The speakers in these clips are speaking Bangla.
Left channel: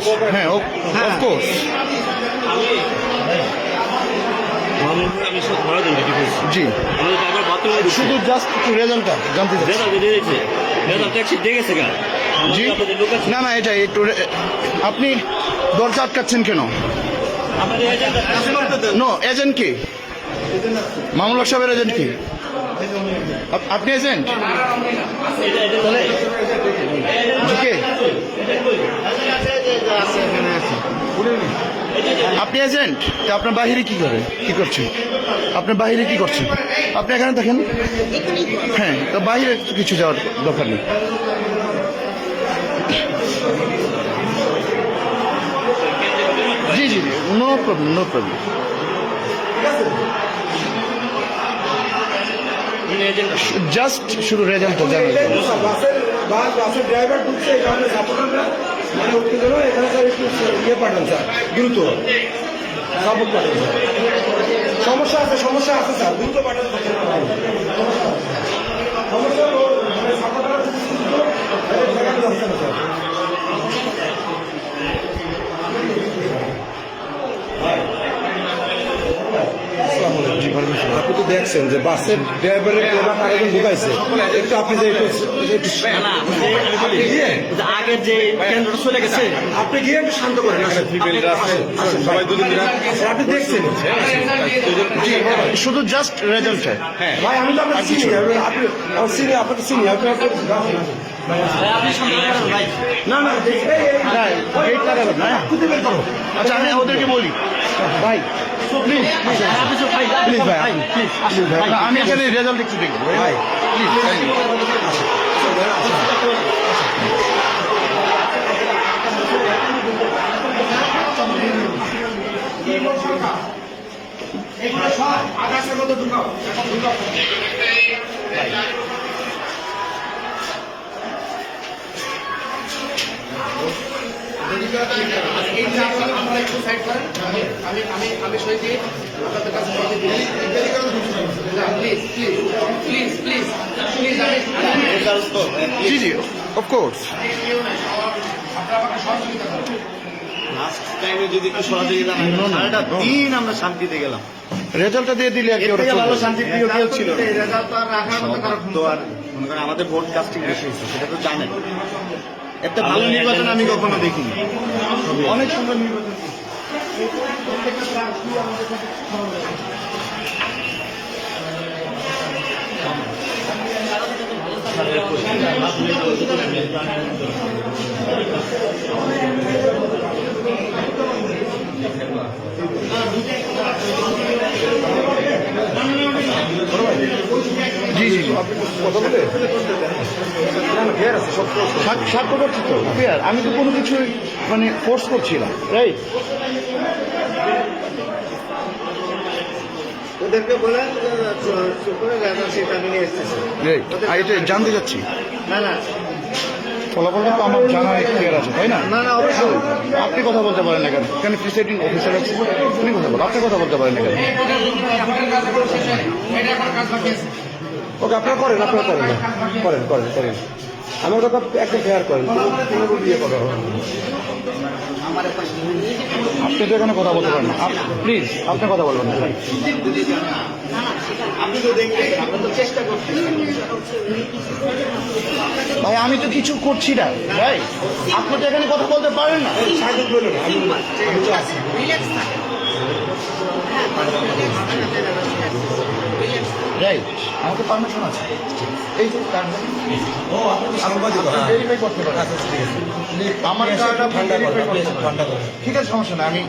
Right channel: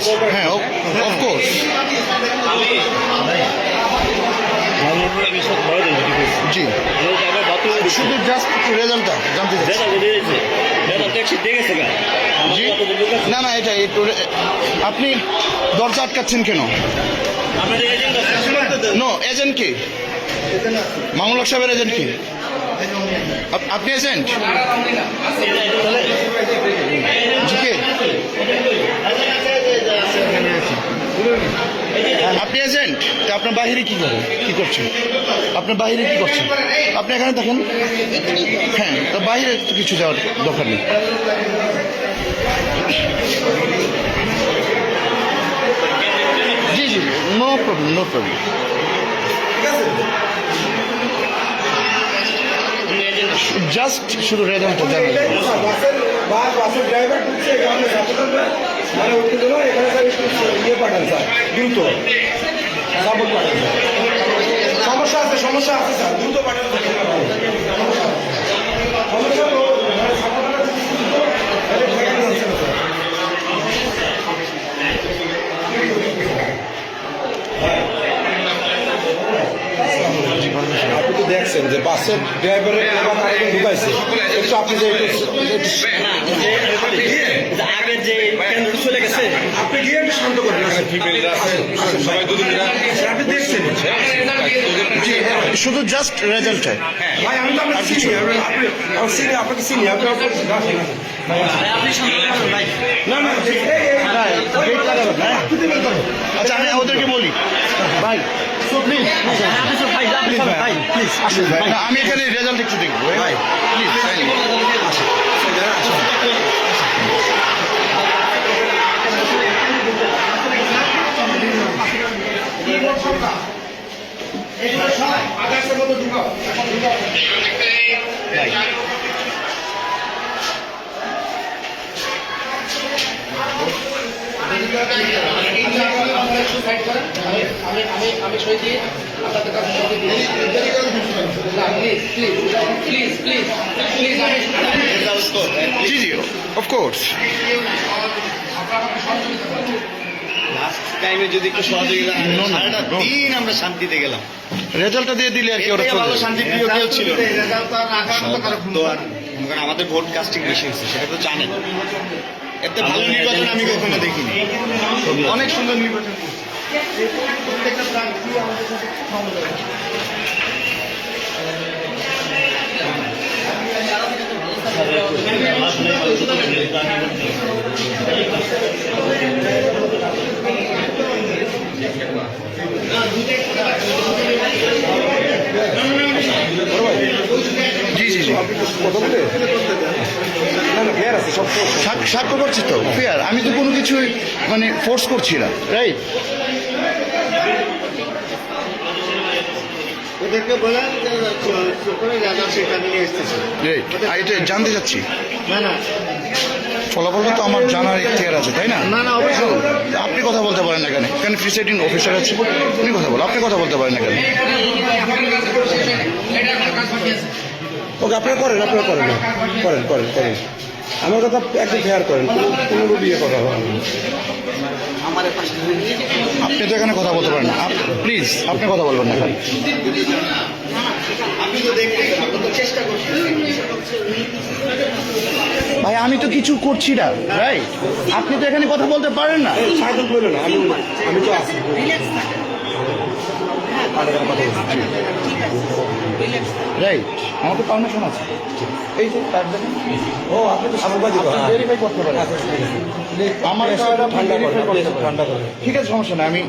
অফকোর্স, হ্যাঁ অফকোর্স। জি, শুধু জাস্ট একটু রেজাল্টটা জানতে চাচ্ছি। জি, না না, এটা একটু আপনি দরজা আটকাচ্ছেন কেন? নো, এজেন্ট কি? মামুন হক সাহেবের এজেন্ট কি? আপনি এজেন্ট? জি কে? আপনি এজেন্ট? তা আপনার বাহিরে কি করেন, কি করছেন? আপনার বাহিরে কি করছেন? আপনি এখানে দেখেন। হ্যাঁ, তো বাহিরে কিছু যাওয়ার দরকার নেই। জি জি, no problem, no problem. Just শুধু রেজাল্টটা জানেন। বাসের ড্রাইভার ঢুকছে এখানে ছাত্ররা মানে উঠতে গেল এখানে স্যার একটু ইয়ে পাঠান স্যার, দ্রুত সাপোর্ট পাঠান স্যার। সমস্যা আছে স্যার, দ্রুত পাঠান আপনি তো দেখছেন যে বাসের ড্রাইভারের একজন ঢুকাইছে, একটু আপনি যে একটু আগের যে কেন্দ্র চলে গেছে আপনি দিয়ে একটু শান্ত করেন। সবাই আপনি দেখছেন শুধু জাস্ট রেজাল্টটা। ভাই, আমি তো আপনাকে চিনি, আপনাকে চিনি। না না ভাই, wait করাবেন না। আচ্ছা, আমি ওদেরকে বলি ভাই, প্লিজ প্লিজ ভাই, প্লিজ ভাই, আমি এখানে রেজাল্ট একটু দেখবো ভাই, প্লিজ। আমি সই দিয়ে আপনাদের কাছে প্লিজ জি জি, অফকোর্স। টাইমে যদি একটু সহযোগিতা সারাটা দিন আমরা শান্তিতে গেলাম, রেজাল্টটা দিয়ে দিলে আর কি ওরা চলে ভালো যাবে। শান্তি প্রিয় কেউ ছিল তো আর আমাদের ভোট কাস্টিং বেশি হচ্ছে, সেটা তো জানেন। এত ভালো নির্বাচন আমি কখনো দেখিনি। অনেক সুন্দর নির্বাচন। জি জি জি, সাক্ষ্য করছি তো, ফেয়ার। আমি তো কোনো কিছুই মানে ফোর্স করছি না, রাইট? ওদেরকে বলা সেটা নিয়ে এসতেছে। রাইট, আর এটা জানতে চাচ্ছি। না না ফলাফলটা তো আমার জানার ইখতিয়ার আছে, তাই না? না, অবশ্যই। আপনি কথা বলতে পারেন না কেন? কেন প্রিসাইডিং অফিসার আছে, উনি কথা বলেন, আপনি কথা বলতে পারেন না কেন? ওকে, আপনারা করেন করেন। আমার কথা একদম ফেয়ার করেন, কোনো বিয়ে কথা হবে না। আপনি তো এখানে কথা বলতে পারেন না, প্লিজ আপনি কথা বলবেন না ভাই। আপনি তো দেখবেন, আমরা তো চেষ্টা করছি। ভাই, আমি তো কিছু করছি না, রাইট? আপনি তো এখানে কথা বলতে পারেন না। রাইট, আমাকে পারমিশন আছে, এই যে কার্ড ভেরিফাই করতে পারেন। আমার কার্ড আপনি ভেরিফাই করতে পারেন, ঠিক আছে, সমস্যা না। আমি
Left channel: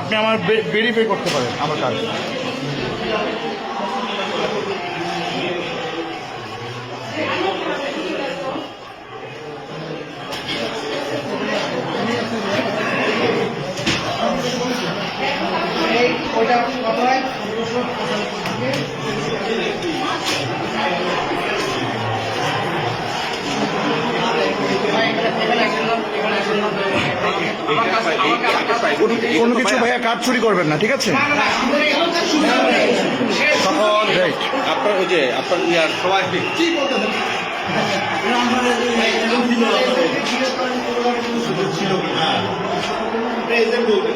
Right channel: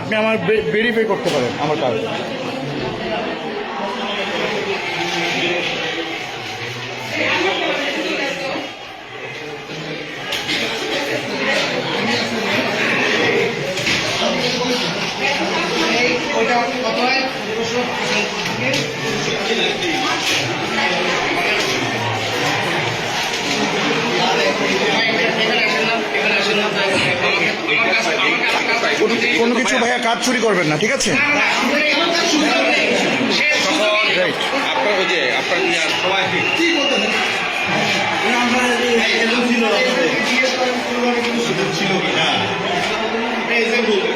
আপনি আমার ভেরিফাই করতে পারেন আমার কার্ড। ওইটা কত হয়? কোনো কিছু ভাইয়া কাজ চুরি করবেন না, ঠিক আছে? রাইট, আপনার ওই যে আপনার সবাইকে ছিল এজেন্ট বলবেন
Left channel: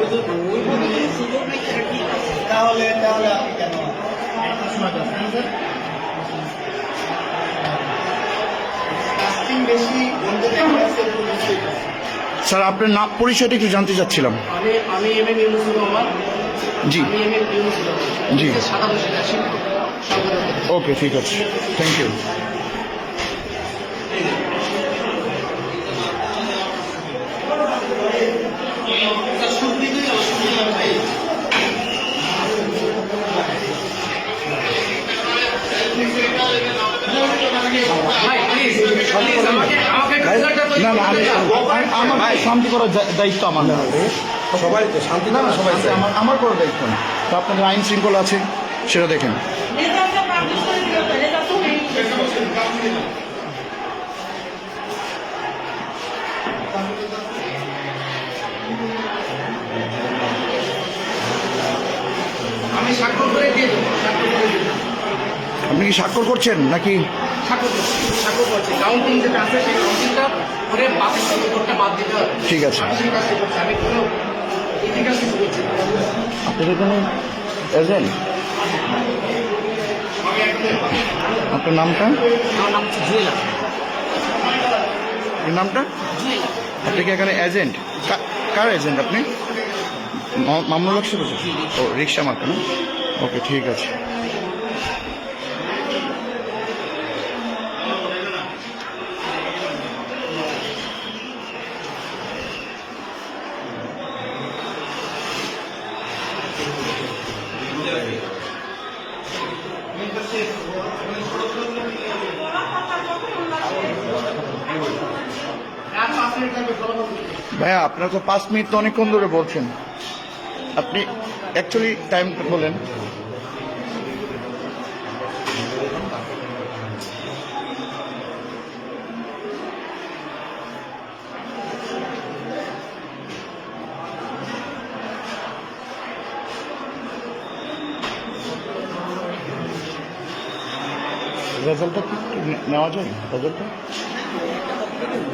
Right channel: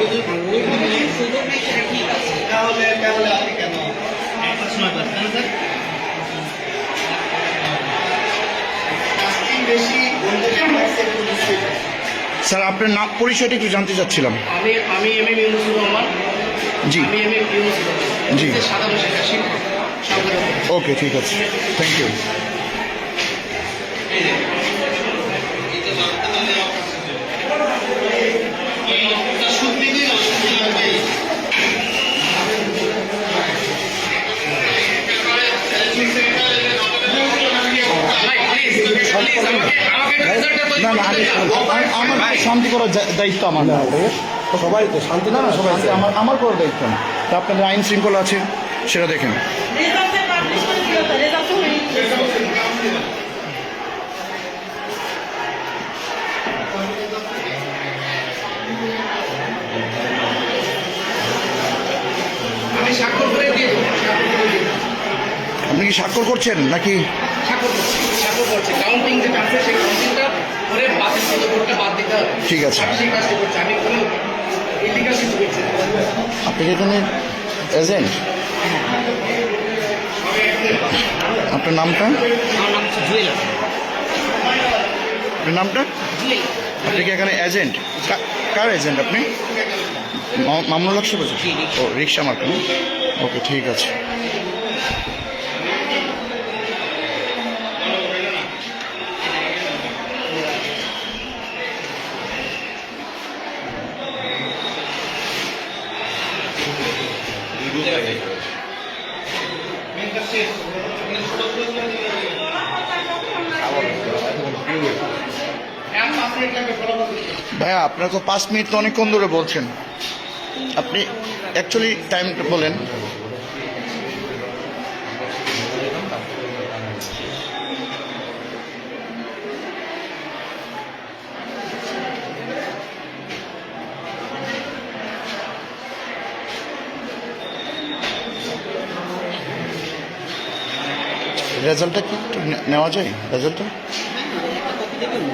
তাহলে আপনি কেন কাস্টিং বেশি স্যার আপনার নাম পরিচয়টা একটু জানতে চাচ্ছিলাম। আমি এম এম ইউনুসুর রহমান। জি আমি এম এম ইউনুসুর রহমান। জি সাধারণ শিক্ষা শিক্ষক সাধারণ। ওকে ঠিক আছে, থ্যাংক ইউ। না না আমার শান্তি করার দায়িত্ব আমার না, সবাই তো শান্তি না না সবাই আমার করার দায়িত্ব না। তো আপনাদের আইন শৃঙ্খলা আছে সেটা দেখেন। আমি স্বাক্ষর করে দিয়ে দেবো। আপনি কি স্বাক্ষর করছেন নাকি? স্বাক্ষর করছি। কাউন্টিং যেটা আছে সেই কাউন্টিংটা করে বাতিল করতে বাদ দিতে হবে। ঠিক আছে, আমি সেই কাজটা করছি। আমি কোনো ইলিগাল কিছু করছি না। আপনি কি কোনো এজেন্ট? আপনার নামটা? আমার নাম হচ্ছে জুয়েলা। আপনার নামটা? আপনি কি এখানে এজেন্ট? কার এজেন্ট আপনি? মামুনুল হক সাহেব? ও রিক্সা মার্কা না? ওকে ঠিক আছে। ভাইয়া আপনারা তো 5 মিনিট তো অনেকক্ষণ ধরে বলছেন, আপনি অ্যাকচুয়ালি টাইমটা বলেন। রেজাল্টটা কি একটু নেওয়া যায়? রেজাল্টটা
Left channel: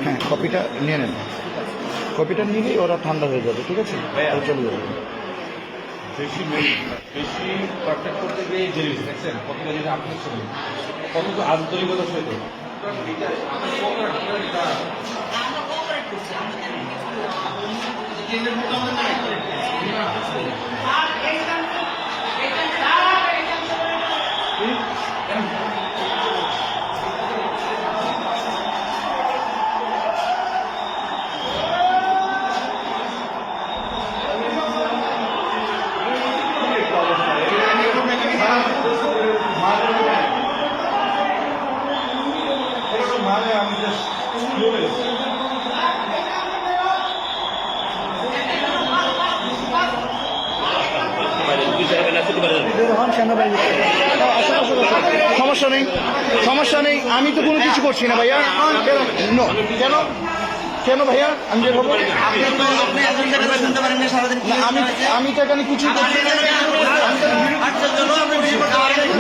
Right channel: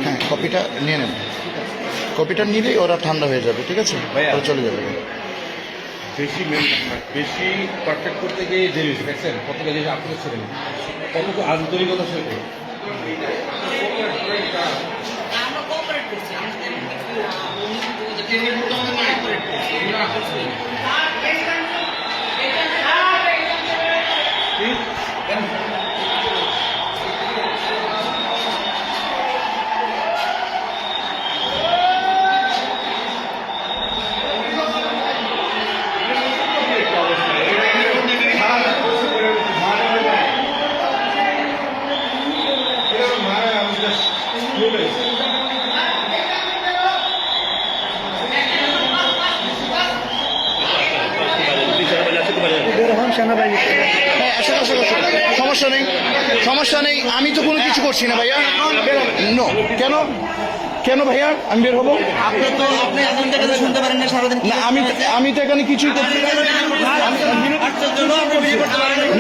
হ্যাঁ কপিটা নিয়ে নেন, কপিটা নিলেই ওরা ঠান্ডা হয়ে যাবে, ঠিক আছে? ওরা চলে যাবে। বেশি পারফেক্ট করতে গিয়ে দেরি হয়েছে, দেখছেন প্রত্যেকে জিনিস আপনি কত আন্তরিকতার সাথে সমস্যা নেই, সমস্যা নেই, আমি তো কোনো কিছু করছি না ভাইয়া। নো, কেন কেন ভাইয়া আমি বের হবো? আমি তো এখানে কিছুই করছি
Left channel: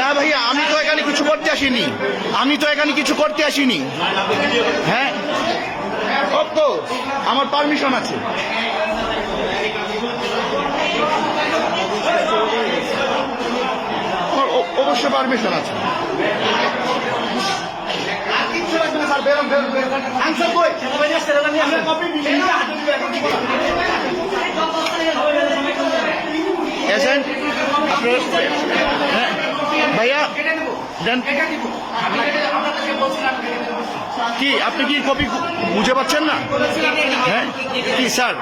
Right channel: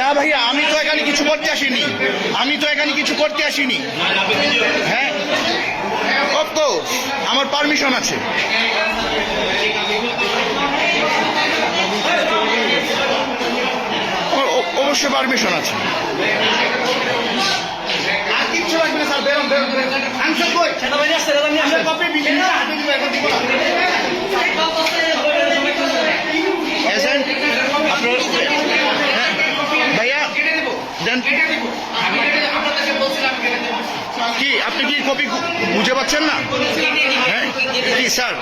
না ভাইয়া, আমি তো এখানে কিছু করতে আসিনি, আমি তো এখানে কিছু করতে আসিনি। হ্যাঁ অফকোর্স আমার পারমিশন আছে। আমার অবশ্যই পারমিশন আছে। এজেন্ট হ্যাঁ ভাইয়া দেন কি, আপনি কি কপি বুঝে পাচ্ছেন না? হ্যাঁ কি স্যার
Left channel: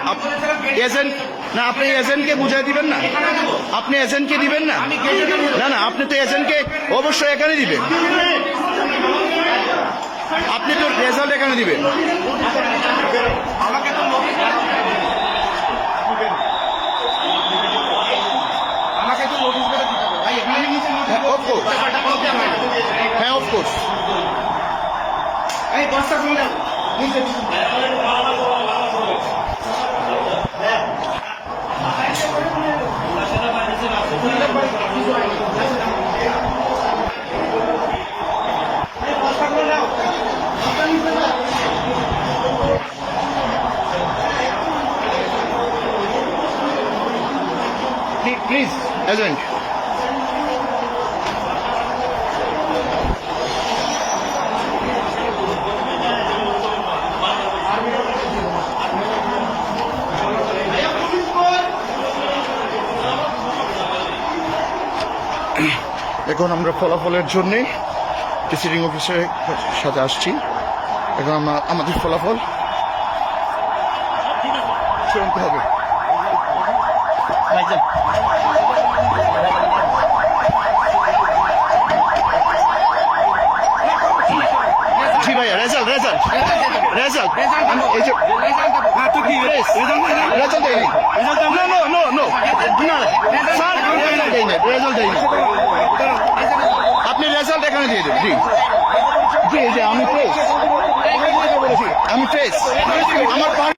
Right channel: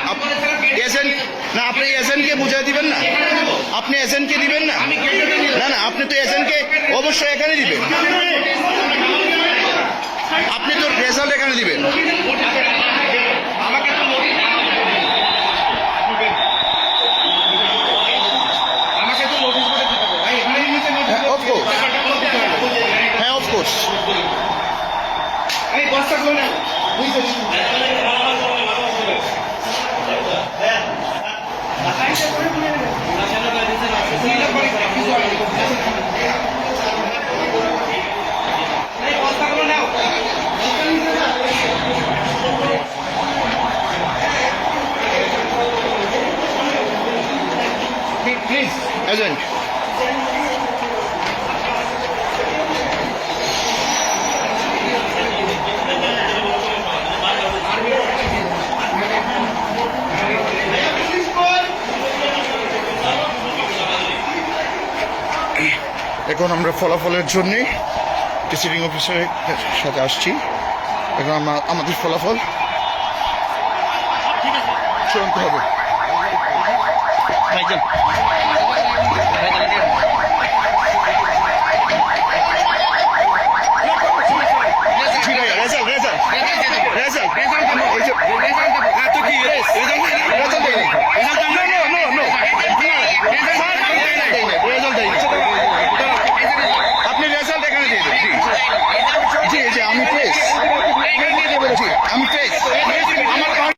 এজেন্ট না, আপনি এজেন্টকে বুঝিয়ে দিবেন না? আপনি এজেন্টকে দিবেন না? না না, আপনি তো এজেন্টকে অবশ্যই এখানে দিবেন, আপনি তো রেজাল্ট এখানে দিবেন। অফকোর্স হ্যাঁ অফকোর্স। প্লিজ এজেন্ট এখন আমরা ফলাফলের জন্যে প্রিসাইডিং অফিসারের সাথে আসছি। এখন আমাদের ফলাফল চূড়ান্ত হবে। জি ভাইয়া, রেজাল্ট এই যে হ্যাঁ তো কি রেজাল্ট